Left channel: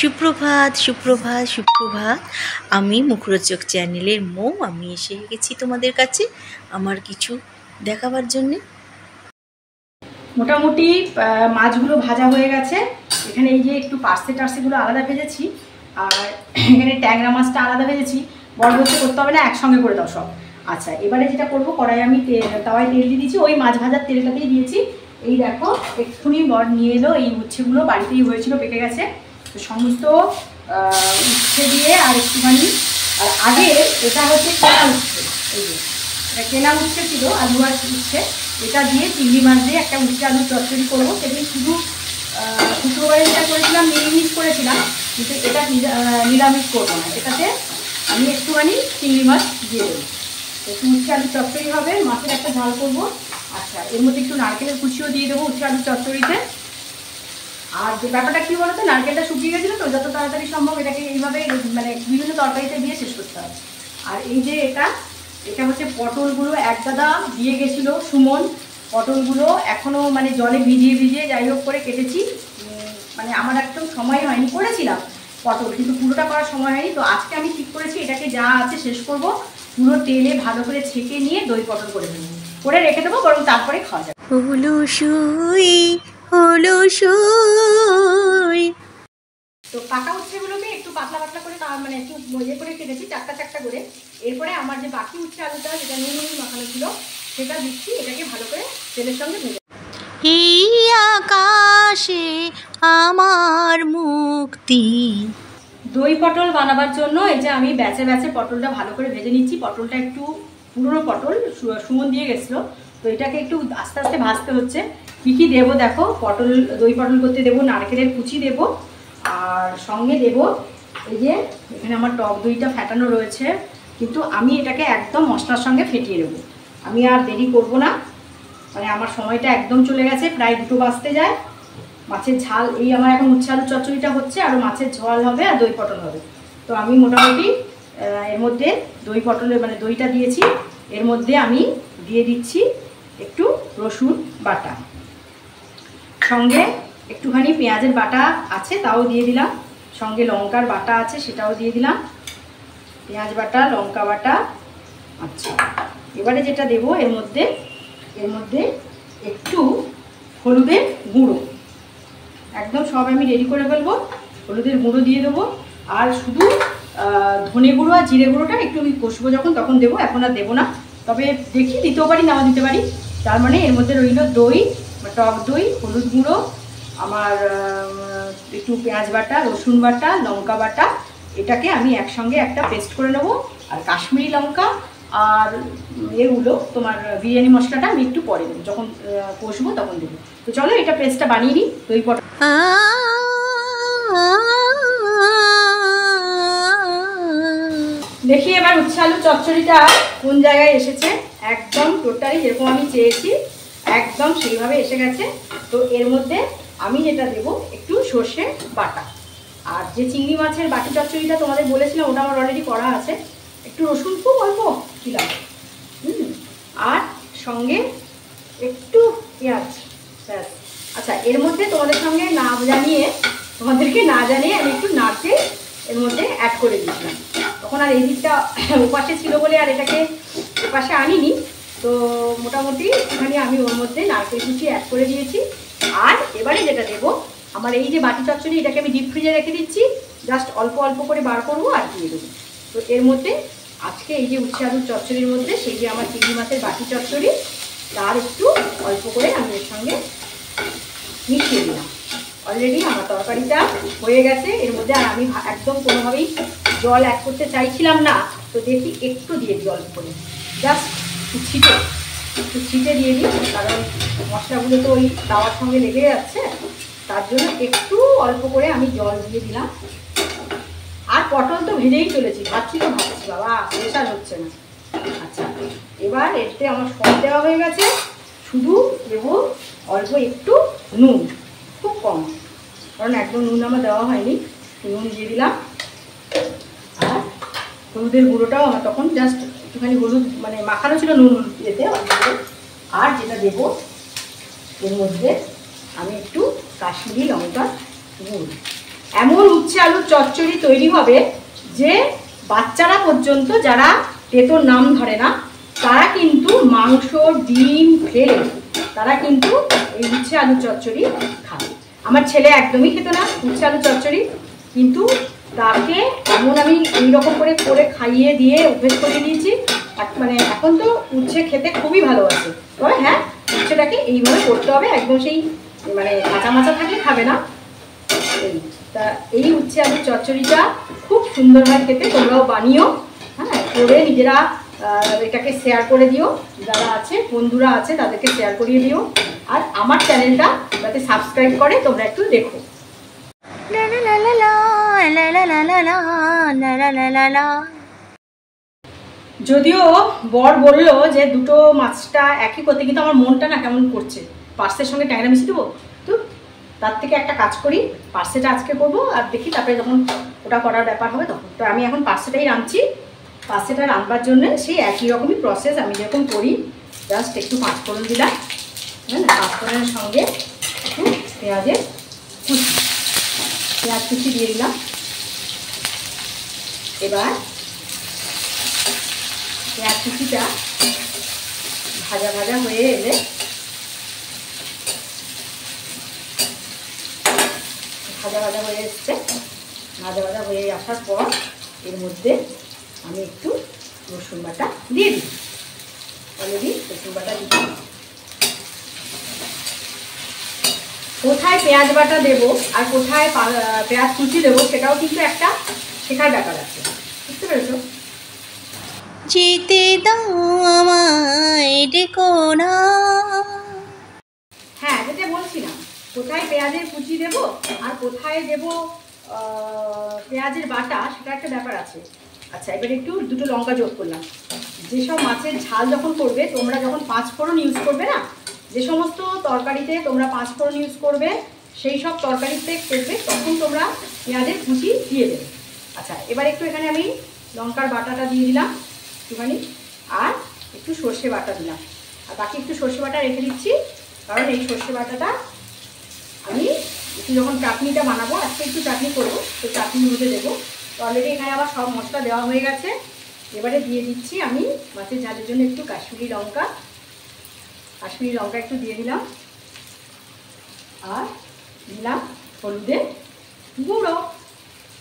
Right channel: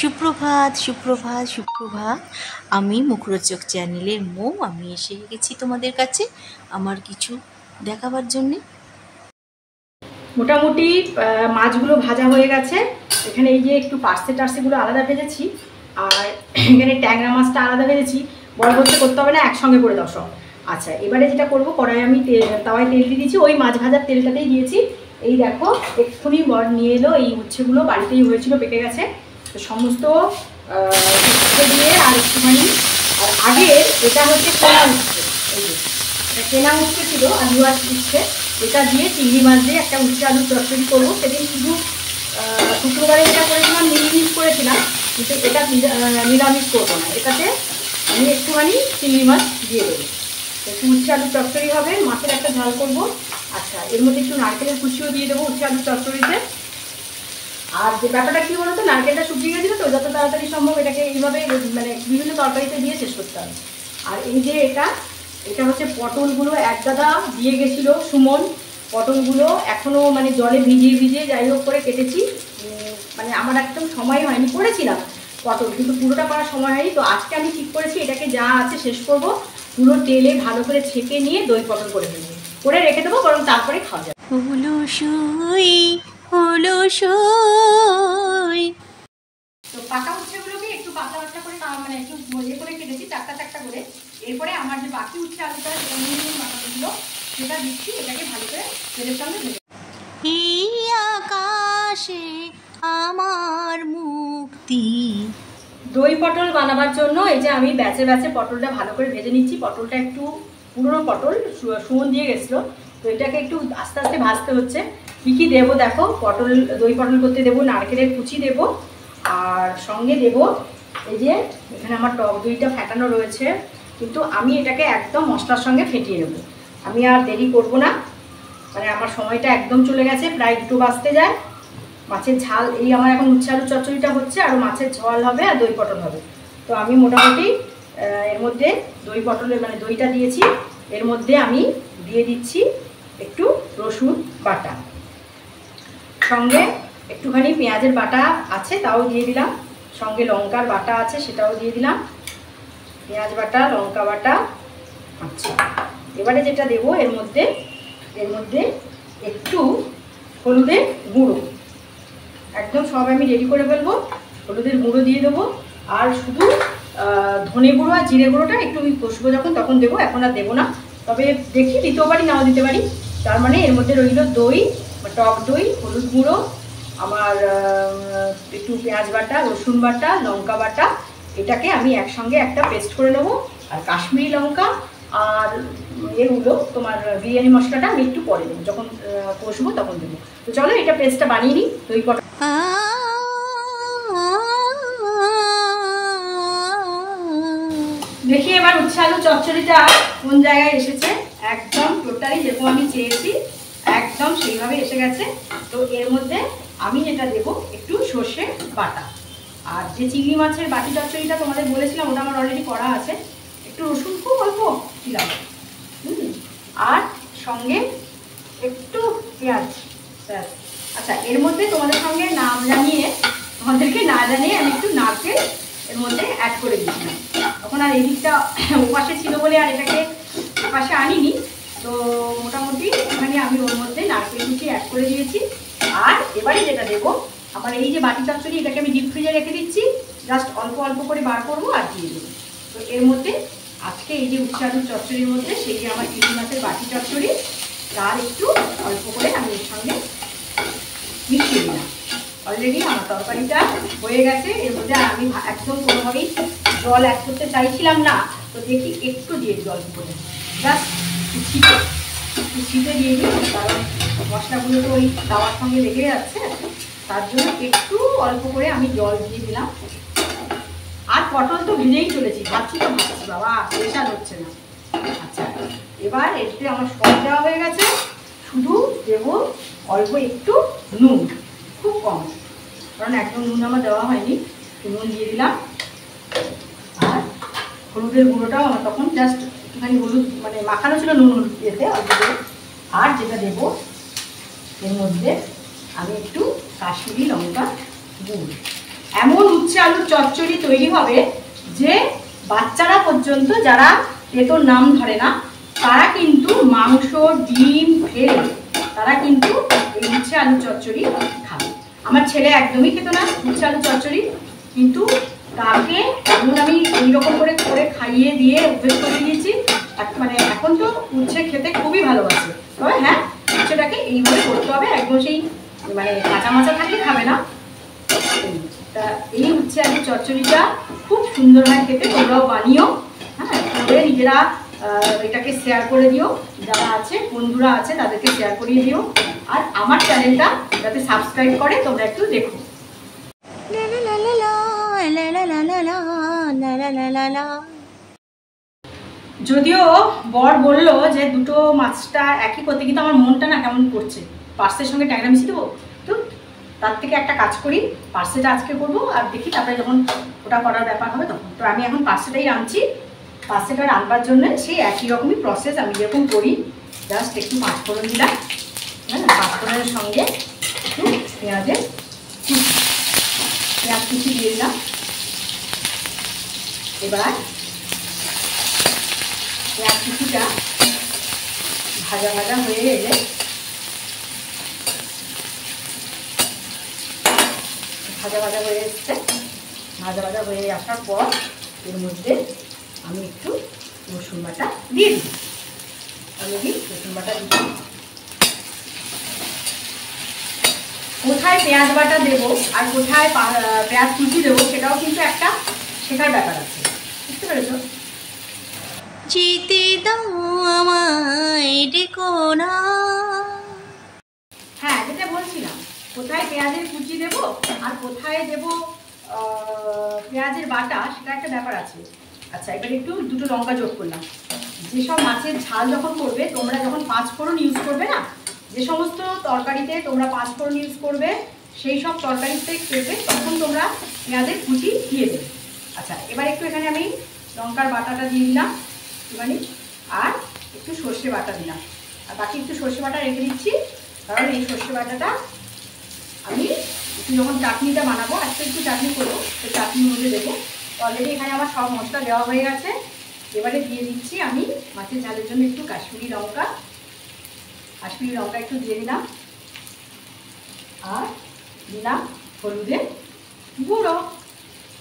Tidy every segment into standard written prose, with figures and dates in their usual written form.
সুপ্রভাত সুপ্রভাত সুপ্রভাত। আমি মুখরোচক চ্যানেলের মৌ। আমি এসে গেছি তোমাদের কাছে আমার কিছু দেখাবার জন্যে। মোটামুটি মাছগুলো ভাজা হয়ে গেছে। এখানে এই যে একটু পার্সেগুলো আলাদা ভেজেছি, আর এখানে ট্যাংরা মাছটা আলাদা ভেজেছি। বরবস্তে করতে হবে না, একসঙ্গে করে দাও সব। আচ্ছা, এবারে যেটা করবো, কড়াই আমি তাওয়ায় তেল দিয়ে দিয়েছি, ওই মাছ ভাজার তেলটাতেই দিয়েছি। এই দেখো, এক্ষুনি বর নিয়ে এলো এই উচ্ছেগুলো, বাড়িতেই হয়েছিল, পেকে গেছে। তো সমস্ত উচ্ছে দিয়ে আর একটুখানি, আর আগে এটা হচ্ছে কেনা উচ্ছে, এই যে এটা কেনা উচ্ছে ছিল, আলু আর উচ্ছে, এটা দিয়ে চিংড়ি মাছ দিয়ে একটা উচ্ছে আলুর চচ্চড়ি করবো। সেদিন শুধু শুক্রবারে যেটা করেছিলাম নিরামিষ করেছিলাম, কিন্তু এটা নিরামিষ করবো না, এটাতে আমি একটুখানি চিংড়ি মাছ দিয়ে দেবো। একটু উচ্ছে আলুর চচ্চড়ি হবে, মাছের একটা ঝাল করবো। আচ্ছা, এর মধ্যে একটু নারকেলের কুচিও দিয়ে দেবো উচ্ছে আলুর চচ্চড়িতে। আর যে ব্যাপারটা কী বলো তো, নারকেলটা শুকিয়ে গেছিলো, তো যত তাড়াতাড়ি সম্ভব এটাকে এইভাবে মানে বিভিন্ন তরকারিতে দিয়ে শেষ করতে হবে। আর এই যে এটা হচ্ছে পটলগুলো এক দাদা দিয়ে গেছিলো, সুমন। পটলগুলো এখনও মানে জলে ভিজিয়ে যাই হোক করে কেটেছি। মানে আমার একদম সময় হয়নি, করেছিলাম পটল, কিন্তু পুরোটা করার সময় হয়নি। তো আজকে আমি ঠিক করেছি এটাকে যা আছে শেষ করব, পুরো তেলে ভালো করে ছেঁকে নিয়ে দই পটল করে ফেলবো, করে রেখে দেবো, বরং তারপরে খাওয়া যাবে। হলো সই হলো সই। তো পাকা উচ্ছেগুলোকে একটু পাতলা পাতলা করে মানে একটু ইয়ে করে কেটেছি, চারটা করে। এরপরে আমার যে বাকি উচ্ছে আলুটা যেটা নুন মাখানো ছিল সেটা দিচ্ছি, এটাকে ভালো করে তেলের সঙ্গে ভেজে। এই আকাশে আমার মুক্তি। দই পটল বানাবার জন্য এই যে আমি ব্যাচে পটলটা ভালো করে ভেজে নিচ্ছি। পটলটা একটু পুরনো পটল, সুমন দিয়ে গেছিলো, তো এটাকে একটু আস্তে আস্তে ভাজতে হচ্ছে। কী কী দেবো দেখো, পটল দই পটল করতে দেবো নারকেলের কুচি দেবো, আর সঙ্গে দেবো এই যে এখানে আমার টক দইটা ফেটানো রয়েছে, কিন্তু আমি এটাকে একদম মশলার সঙ্গে ফেটিয়ে দেবো। আমি আর দেরি করব না, মানে আমার সময়টা একদম চলে গেছে, প্রায় 2টো বাজতে যায়। মাছের ঝাল, এই আমার এখন উচ্ছে আলু চচ্চড়িটা হচ্ছে, আর মাছের ঝাল হবে আর দই পটল হবে। তো আমি মোটামুটি এর মধ্যে দই পটলের মানে দইটা দিয়েছি, এর মধ্যে আমি দিয়ে দিচ্ছি একটু রসুন বাটা, সঙ্গে একটুখানি পেঁয়াজের বাটা আছে তাও দিয়ে দিলাম, সঙ্গে লঙ্কার বাটা আছে সেটাও দিয়ে দিলাম, পেঁয়াজ বাটা লঙ্কা বাটা। আচ্ছা, এবারে যেটা দেবো এর মধ্যে একটু হলুদের গুঁড়ো, একদম সব আমি রেডি করে ফেলবো। হলুদের গুঁড়ো দিয়ে দেবো, আর শুধু ধনে গুঁড়ো আর জিরে গুঁড়োটা একটু আমি কষবো যখন, তখন দেবো, এখন আর দেবো না। তবে দেখি দিতেও পারি নাও দিতে পারি। তার মানে এর মধ্যে রইল দই, টক দই, হলুদ গুঁড়ো, আমার একটু পেঁয়াজ বাটা, রসুন বাটা, লঙ্কা বাটা, এটাকে আমি একসঙ্গে একটা পেস্ট করে নেবো। আর কাশ্মীরি লঙ্কা আর এগুলো তোমার বিরিয়ানি মশলাটা আমি একটু পরে দেবো, যখন কষবো তখন দেবো। তো চলো এটা পেস্টটা বানিয়ে নিই। দই পটল দেখি এবার উচ্ছে আলু চচ্চড়িটা কোন জায়গায় এসেছে, একদম টোটালি যেরকম আমি চেয়েছি একদম সেইভাবে এসে গেছে। তো এর মধ্যে আমি যেটা দেবো একটু সর্ষে বাটা, আর যে চিংড়ি মাছের বাটি চচ্চড়িটা তোমাদের বলেছিলাম ওটা আমার অলরেডি করা আছে, একটু রসুন খুব অল্প দিলাম, আর সঙ্গে একটু পেঁয়াজ, ব্যাস। আচ্ছা, এর মধ্যে তোমাদেরকে না জানিয়ে আমি একটু নারকেল এর মধ্যে অ্যাড করে দিয়েছিলাম। তখন আর এই দিকটা ওপাশে ছিল বলে আর এটাকে ওপাশে আনিনি। তো মোটামুটি এখানে আমি ওর মধ্যে নারকেল কুচি অ্যাড করে দিয়েছি। আর এবারে যেটা দেবো, আমার এই যে বাটি চচ্চড়ি, এটাকে আমি ডিপ ফ্রিজে রেখে দিচ্ছি, জাস্ট অল্প অল্প করে বার করবো আর দিয়ে দেবো। তো এর মধ্যে আজকে এই যে উচ্ছে আলুর চচ্চড়ির মধ্যে সেই যে আমার চিংড়ি মাছের বাটি চচ্চড়ি, তার একটু অল্প করে আমি এর সঙ্গে মিশিয়ে দিলাম। অলরেডি আমার তরকারিটা হয়ে গেছে, এর মধ্যে আমি একদম কোনোভাবেই জল অ্যাড করতে চাইছিলাম না। তো দেখি একটু দিয়ে জল করে, জাস্ট একটু ছিটে দিয়ে দিই, কারণ মশলাগুলো তো ওই তাওয়ার সঙ্গে লেগে যাচ্ছে, তার জন্য একটু অল্প করে আমি জল দিয়ে দিলাম। আর পটল তো ভেজেই চলেছি, ভাবছি বাবা প্রেশার হচ্ছে না। আচ্ছা, এবার এতে আমার সব দেওয়া হয়ে গেছে, শুধু দেবো অল্প একটু নুন, খুব কম, কারণ একদম নুন আমার দেওয়া হয়নি, নুন দিয়ে দিলাম। আর হলুদের গুঁড়োটাও আমার তখন জাস্ট একটুখানি হলুদ মানে মাখানো ছিল নুন ইয়েতে অল্প করে। আর যেটা দেবো এর মধ্যে আমি একটু কাশ্মীরি লঙ্কা গুঁড়ো, এমন উচ্ছে আলুর চচ্চড়ি তৈরি হবে যে বাচ্চারা পর্যন্ত, যারা তেঁতোর নাম ধরে না, তারা কিন্তু মাংস ডিম ফেলে তারা কিন্তু এই উচ্ছে আলুর চচ্চড়ি খাবে। আমার ছেলে একদমই খেত না উচ্ছে আলুর চচ্চড়ি, কিন্তু তাকে এমন আমি এইরকম করে করে খাইয়ে দিয়ে অভ্যেস করে দিয়েছি। মানে এখন তো উচ্ছে খেতে খুবই ভালোবাসে। তবে হ্যাঁ, উচ্ছেটাকে এইভাবে করতে হবে, একদম সেই মানে কাঁচা মাচা থাকলে খাবে না। তা এই উচ্ছে আলুর চচ্চড়িটা খুব সুন্দর হয় খেতে, তোমরাও বানিও। হ্যাঁ, করে নিজেরা এটাকে শেয়ার করে দিও, যারা আছে বন্ধুরা আছে তাদেরকে শেয়ার করিয়ে দিও। আর আমার চ্যানেলটা যাতে সাবস্ক্রাইব করে তোমরা একটু দেখো। যদিও বর বললো যে দুটো মাছটা একই করতে, কিন্তু আমার মনটা না কেমন করছে, পার্সের সঙ্গে ট্যাংরা মিশিয়ে দেবো। তো তার থেকে একটা কাজ করি, পার্সেটা আজকে করবো, আর দেখি তারপরে যখন ওটা করার ব্যাপার হবে তখন। তো আমি এখন পার্সেটাই রাঁধছি। পার্সেটা রাঁধবার জন্য সেই একই রকমই প্রসেস আমি যেরকম করি, জাস্ট একটু পাঁচফোড়ন দিলাম। হ্যাঁ, পাঁচফোড়নের সঙ্গে একটু পেঁয়াজ কুচি দিয়ে দিলাম। এবার পেঁয়াজ কুচিটা ভাজা ভাজা হয়ে এলে ভাজা ভাজা হয়ে এসছে, ভাজা ভাজা হয়ে আসার পর এর মধ্যে আমি একটু রসুন বাটা দিয়ে দিই। অলরেডি রসুন বাটা দিই। কোথায় পেঁয়াজ বাটা দেবো আর কোথায় পেঁয়াজ কুচি দেবো সেটাও কিন্তু একটা শেখার ব্যাপার আছে, বুঝতে পেরেছো? যেতে দাও আমায় ডেকো না। হ্যাঁ, যেটা বলছিলাম, কোথায় পেঁয়াজের কুচি দেবো আর কোথায় দেবো পেঁয়াজের বাটা, সেটা একটা ব্যাপার আছে। আচ্ছা, এবার একটু দুটো লঙ্কা যোগ করলাম। যেসব মাছের ঝাল যখন করবে, তোমরা যখন পাঁচফোড়ন ইউজ করবে না, যে সমস্ত তরকারিতে তোমরা পাঁচফোড়ন ইউজ করবে, সেই সব তরকারিতে করবে, তখন তোমরা পেঁয়াজের কুচি দিয়ে দেবে। আচ্ছা, এবার একটু এখানে আমি লঙ্কার বাটাটা দিয়ে দিলাম একটুখানি, আর একটু সর্ষে বাটা দিলাম, আর বাকি একটু সর্ষে বাটা রেখে দিচ্ছি, কারণ এই সর্ষে বাটাটা আমি একটু যখন চাটনিটা বানাবো, আজকে একটু চাটনি করবো, সেই চাটনির মধ্যে দেবো। অলরেডি এখানে আমার সব মশলা দেওয়া হয়ে গেছে। এবারে দিয়ে দিচ্ছি আমি মাছের ঝালের জন্য একটু কাশ্মীরি লঙ্কা একটু দিয়ে দিলাম, আর দিলাম হলুদের গুঁড়ো।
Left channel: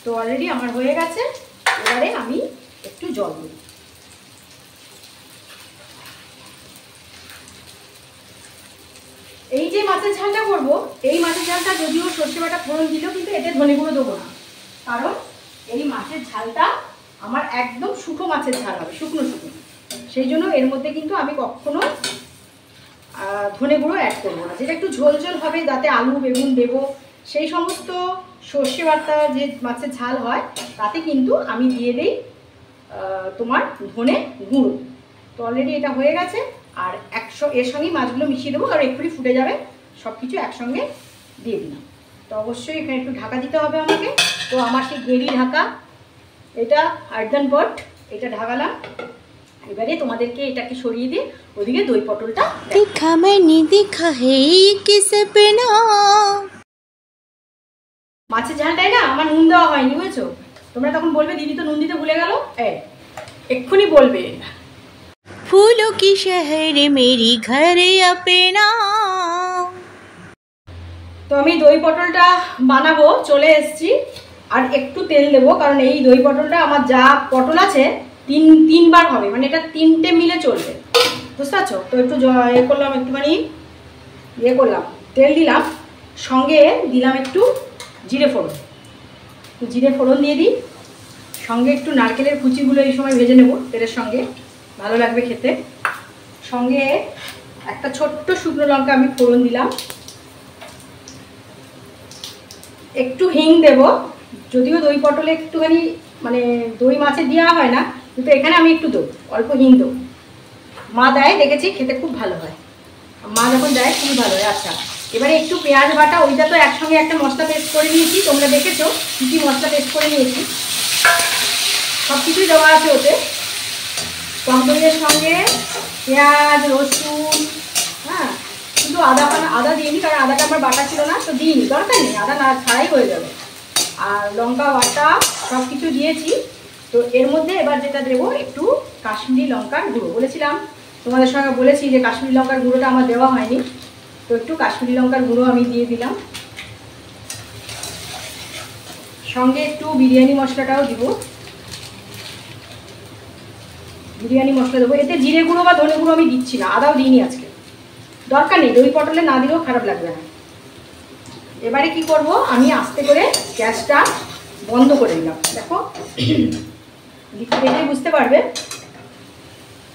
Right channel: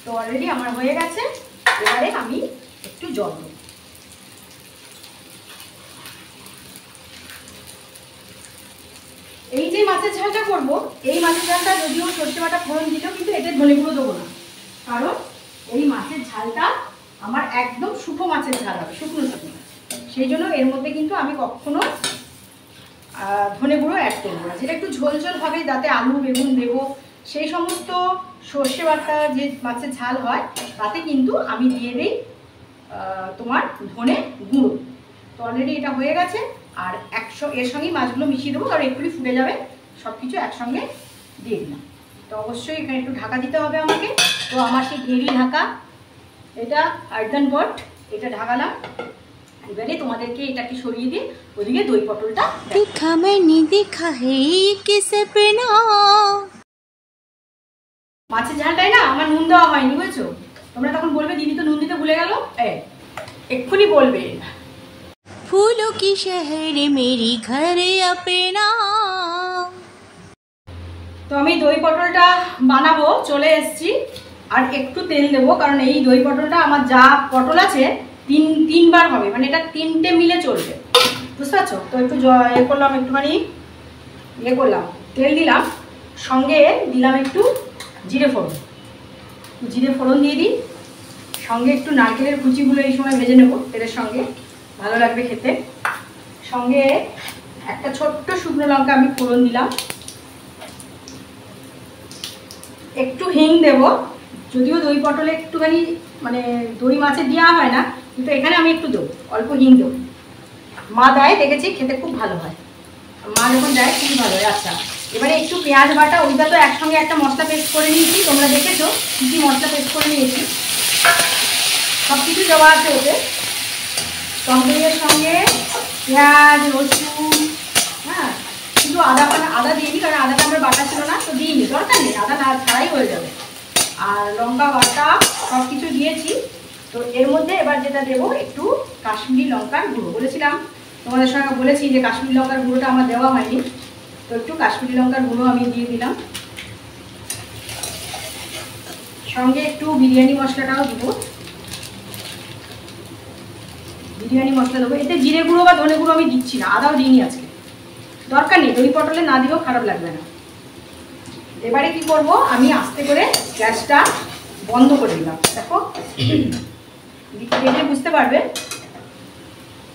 তো অলরেডি আমার হয়ে গেছে। এবারে আমি একটু জল দিই। এই যে মাছের ঝালটা করবো, এই মাছের ঝালটা যদিও সর্ষে বাটা ফোড়ন দিলেও কিন্তু এতে ধনে গুঁড়ো দেবো না, কারণ এই মাছের ঝালটা আমার একদম শুকনো মাছের ঝাল হবে, শুকনো শুকনো। সেই জন্য এর মধ্যে কিন্তু আমি কখনো ধনে গুঁড়ো অ্যাড করবো না। যেটা একটু ঝোল ঝোল হবে, যাতে আলু বেগুন দেবো, সেই সমস্ত সর্ষে বাটা যে মাছের ঝাল হয়, তাতে কিন্তু আমি দিয়ে দিই তোমার ধনে গুঁড়ো। তো অলরেডি এটা হয়ে গেছে। আর এর সঙ্গেই মাছগুলো মিশিয়ে দেবো, কারণ একটুই ফুটে যাবে, সব কিছু একসঙ্গে দিয়ে দিলাম। তো অবশ্যই এখানে একটু ঢাকা দিতে হবে আমাকে। তো আমার সেই গ্রেভি ঢাকা, এটা আর্দান বট, এটা ঢাকালাম। এবারে তোমাদেরকে এটাকে সরিয়ে দিয়ে ওদিকে দই পটলটা দেখা मैंने देखा है किसे बिना। মাছের ঝালটাই না আমার নুন দেওয়া হয়নি, বুঝেছো? তোমরা তখন বলবে দিদি তো নুন দিতে ভুলে গেল, এক্ষুনি বলবে। फूलों की शहर मेरी घर अपना। তো আমি দই পটলটা বানাবো, চলে এসেছি। আর একটু তেল দেবো, কারণ এই দই পটলটা আমার যা পটল আছে তিনবার হবে, মানে এটা তিনটে মিলে চলবে, বুঝতে পারছো? তো একটু করলাম, একটুখানি করলাম, তেল দিলাম, সঙ্গে দিলাম একটু জিরে ফোড়ন। জিরে ফোড়ন দিয়ে দিই, সঙ্গে একটু নারকেলের কুচিগুলো এই সময় ভেজে নেব তেলের সঙ্গে, ভালো লাগবে খেতে। সঙ্গে একটা ছোট্ট শুকনো লঙ্কা আমি ফোড়ন দিলাম, একটু হিং দেব। যদিও দই পটলে একটুখানি মানে দই মাছে দেওয়া হয় না, কিন্তু এখানে আমি একটু দেবো, অল্প হিং দেবো। মা দেয়, দেখেছি খেতে খুব ভালো হয়, মা যখন দেয় খুবই ভালো হয়। আচ্ছা, এবারে একটু পেঁয়াজ বাটা, ওইটা তো একসঙ্গে একটা মশলা পেস্ট করে নিয়েছি, তোমরা দেখেছো কী কী মশলা পেস্ট করে নিয়েছি, সব কিছু দেওয়া আছে ওতে। টমেটোর সঙ্গে পেঁয়াজ রসুন, হ্যাঁ, কিন্তু আদা দিইনি, কারণ আদাটা আমার বাটা ছিল না, তো দিইনি, দরকার নেই, আদা না ছাড়াই হয়ে যাবে। আর লঙ্কা বাটা সব কিছু দিয়েছি। তো এর মধ্যে এবার যেটা দেবো একটু কাশ্মীরি লঙ্কার গুঁড়ো। বলেছিলাম তোমাদের সঙ্গে বলেছি যে কাশ্মীরি লঙ্কার গুঁড়োটা আমার দেওয়া হয়নি, তো একটু কাশ্মীরি লঙ্কার গুঁড়ো আমি দিয়ে দিলাম। সঙ্গে একটু বিরিয়ানি মশলাটাও দিব, বিরিয়ানি মশলা দেবো। এতে জিরে গুঁড়ো বা ধনে গুঁড়ো আমি দিচ্ছি না, আদাও দিইনি আজকে, দরকার নেই, দই পটলে না দিলেও খারাপ লাগবে না। এবারে কি করব, আমি আস্তে করে গ্যাসটা বন্ধ করে দিলাম। দেখো দেখে বুঝতে পারবে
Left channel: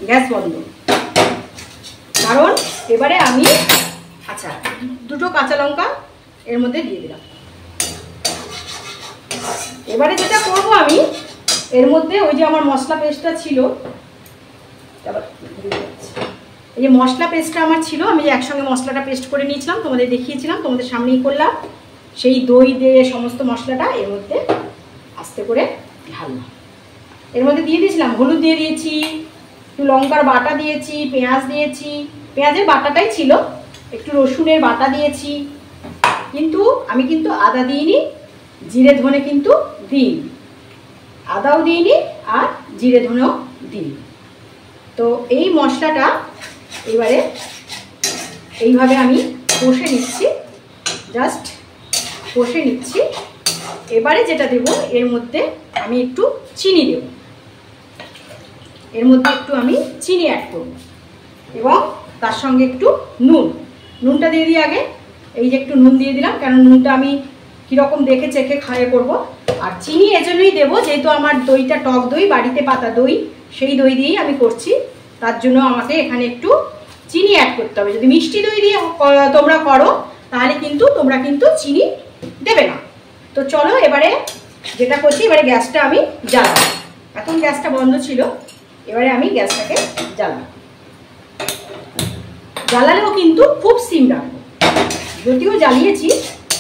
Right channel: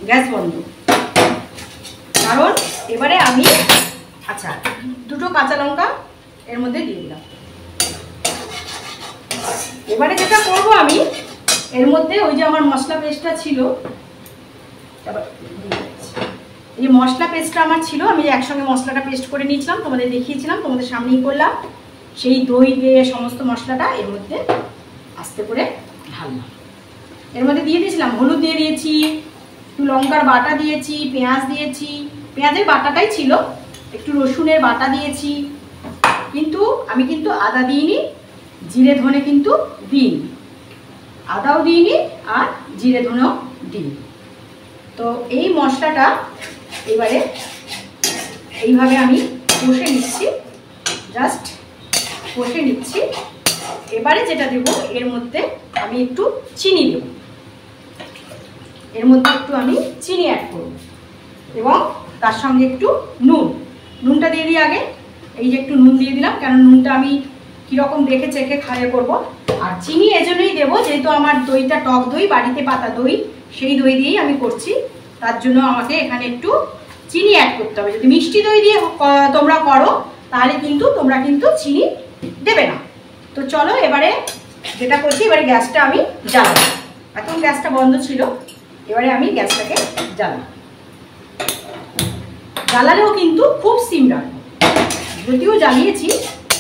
গ্যাস বন্ধ, কারণ এবারে আমি আচ্ছা দুটো কাঁচা লঙ্কা এর মধ্যে দিয়ে দিলাম। এবারে যেটা করব আমি এর মধ্যে ওই যে আমার মশলা পেস্টটা ছিল, এই যে মশলা পেস্টটা আমার ছিল, আমি যে একসঙ্গে মশলাটা পেস্ট করে নিয়েছিলাম, তোমাদের দেখিয়েছিলাম, তোমাদের সামনেই করলাম, সেই দই দিয়ে সমস্ত মশলাটা এর মধ্যে আস্তে করে ঢাললাম। এর মধ্যে দিয়ে দিয়েছিলাম হলুদ দিয়ে দিয়েছি, একটু লঙ্কার বাটা দিয়েছি, পেঁয়াজ দিয়েছি, পেঁয়াজের বাটাটাই ছিল, একটু রসুনের বাটা দিয়েছি, কিন্তু আমি কিন্তু আদা দিইনি, জিরে ধনে কিন্তু দিইনি, আদাও দিইনি আর জিরে ধনেও দিইনি। তো এই মশলাটা এবারে এইভাবে আমি কষে নিচ্ছি, জাস্ট কষে নিচ্ছি। এবারে যেটা দেব এর মধ্যে আমি একটু চিনি দেব, এর মধ্যে একটু আমি চিনি অ্যাড করব এবং তার সঙ্গে একটু নুনটা দিয়ে দিই আগে। এই যে একটু নুন দিয়ে দিলাম, কারণ নুনটা আমি কীরকম দেখে চেখে খাইয়ে করব। আর চিনি এজন্যই দেবো যেহেতু আমার দইটা টক দই, বাড়িতে পাতা দই, সেই দই দিয়েই আমি করছি, তার জন্য আমাকে এখানে একটু চিনি অ্যাড করতে হবে। যদি মিষ্টি দই দিয়ে তোমরা করো তাহলে কিন্তু তোমরা কিন্তু চিনি দেবে না। তো চলো এবারে যেটা করছি, এবারে গ্যাসটা আমি জ্বালাবো। এখন গ্যাসটা বন্ধ ছিল, এবারে আমি গ্যাসটাকে জ্বালালেও কিন্তু খুব সিম রাখবো, যদিও জ্বালিয়েছি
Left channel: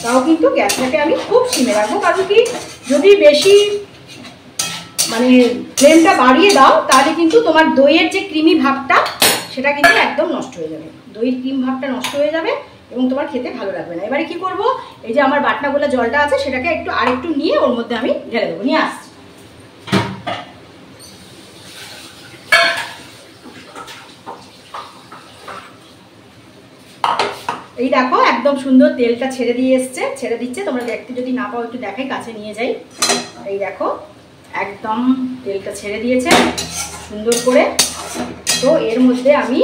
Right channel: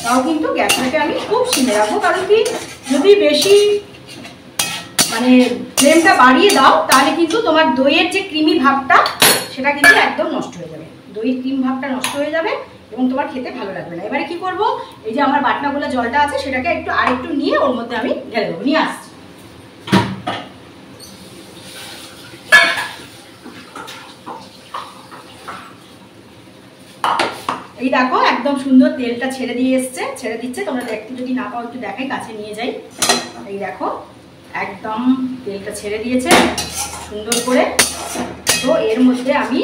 তাও কিন্তু গ্যাসটাকে আমি খুব সিমে রাখবো। কারণ কি, যদি বেশি মানে ফ্লেমটা বাড়িয়ে দাও তাহলে কিন্তু তোমার দইয়ের যে ক্রিমি ভাবটা সেটা কিন্তু একদম নষ্ট হয়ে যাবে, দইয়ের ক্রিম ভাবটা নষ্ট হয়ে যাবে এবং তোমার খেতে ভালো লাগবে না। এবারে কি করব, এই যে আমার বাটনা গোলা জলটা আছে সেটাকে আরেকটু নিয়ে ওর মধ্যে আমি ঢেলে দেবো, নিয়ে আসছি। এই দেখো একদম সুন্দর তেলটা ছেড়ে দিচ্ছে। তোমরা দেখতে যদি না পাও একটু দেখাই, কাছে নিয়ে যাই। এই দেখো একদম তেলটা ছেড়ে দিয়েছে সুন্দর করে। তো এর মধ্যে আমি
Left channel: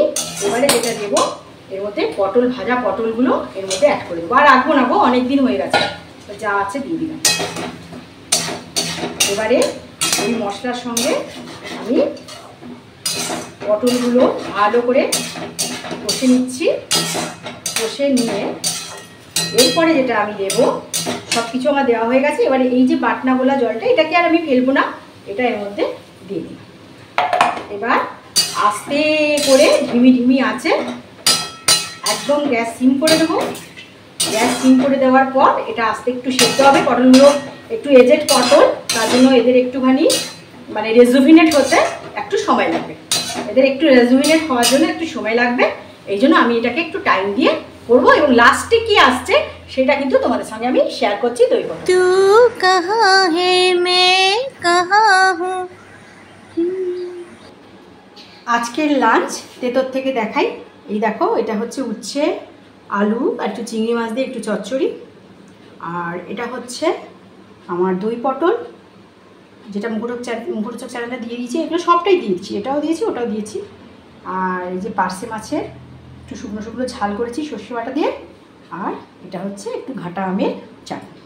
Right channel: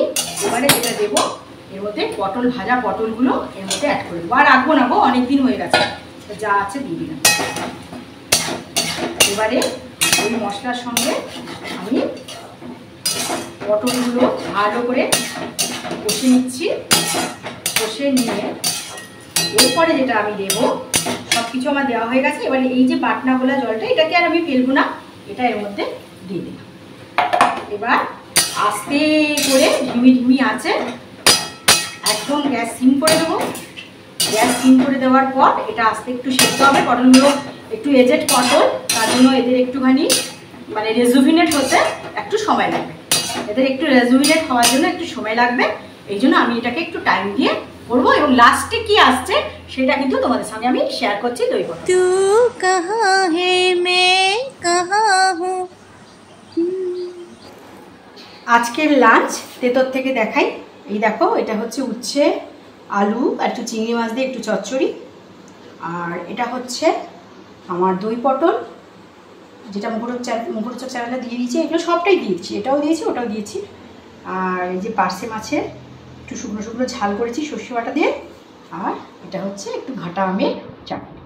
এবারে যেটা দেবো, এর মধ্যে ভাজা পটলগুলো এর মধ্যে অ্যাড করে দেবো। আর রাখবো না গো, অনেকদিন হয়ে গেছে, যা আছে দিয়ে দিলাম। এবারে ওই মশলার সঙ্গে আমি পটলগুলো ভালো করে কষে নিচ্ছি। কষে নিয়ে এরপরে যেটা আমি দেবো, সব কিছু আমার দেওয়া হয়ে গেছে। এবারে এই যে বাটনা গোলা জলটা, এটাকে আর আমি ফেলবো না, এটা এর মধ্যে দিয়ে দিই। এবার আস্তে করে ঢিমি আছে একদম গ্যাস সিম করে দেবো। গ্যাস সিম করে দেওয়ার পর এটা আস্তে একটু সেদ্ধ হবে। পটলগুলো একটু এজেড পটল, তার জন্য এদের একটুখানি মানে রেজুভিনেট হতে একটু সময় লাগবে, হওয়ার জন্য একটু সময় লাগবে। এই জন্য আমি এটাকে একটু টাইম দিয়ে করবো এবং লাস্টে কি আসছে সেটা কিন্তু তোমাদের সঙ্গে আমি শেয়ার করছি। দই পটল তু কাহা হে মে কাহা হু। আজকের লাঞ্চ তেতর থেকে দেখাই। এই দেখো, এটা হচ্ছে উচ্ছে, আলু আর একটু চিংড়ি মাছ দিয়ে একটু চচ্চড়ি, আর এটা হচ্ছে আমার দই পটল, যেটা মুখরোচক চ্যানেলে দিয়ে দিয়েছি। এগুলো সবটাই দিয়েছি, এটাও দিয়েছি ওটাও দিয়েছি। আর এই যে পার্সে মাছের একটু শুকনো ঝাল করেছি সর্ষে বাটা দিয়ে, আর এটা হচ্ছে একটু ঘাটা আমের চাটনি।